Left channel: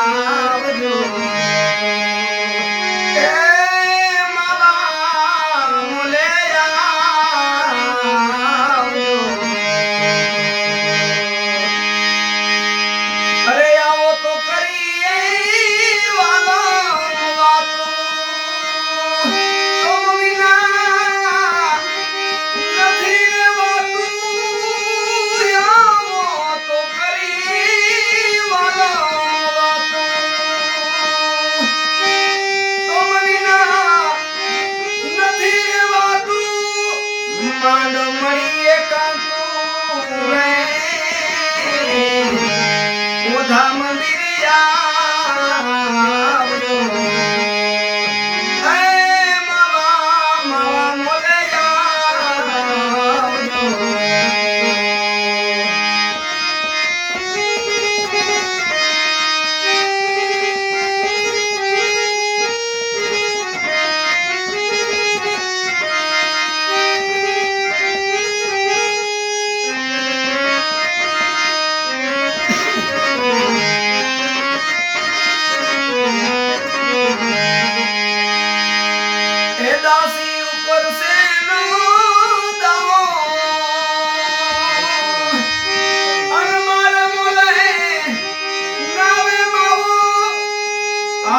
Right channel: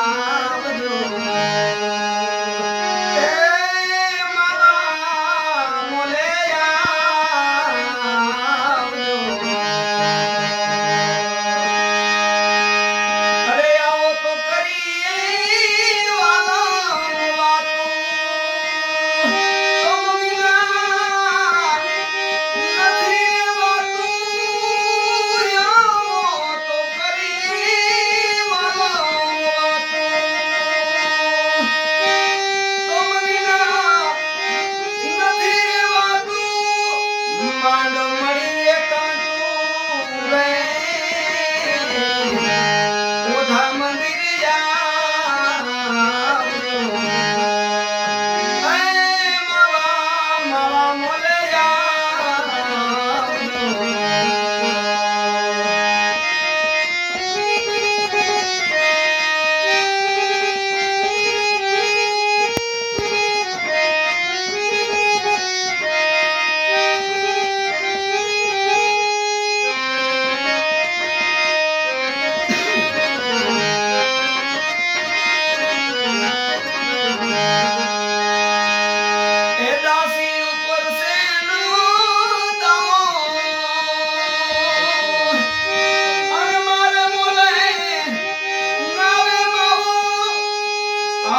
Ah! મળી કાંતુ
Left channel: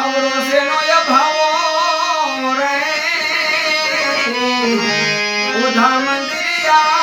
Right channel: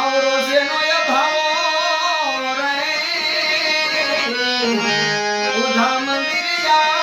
ભાવરો સેનો રે ઉધા મંદિર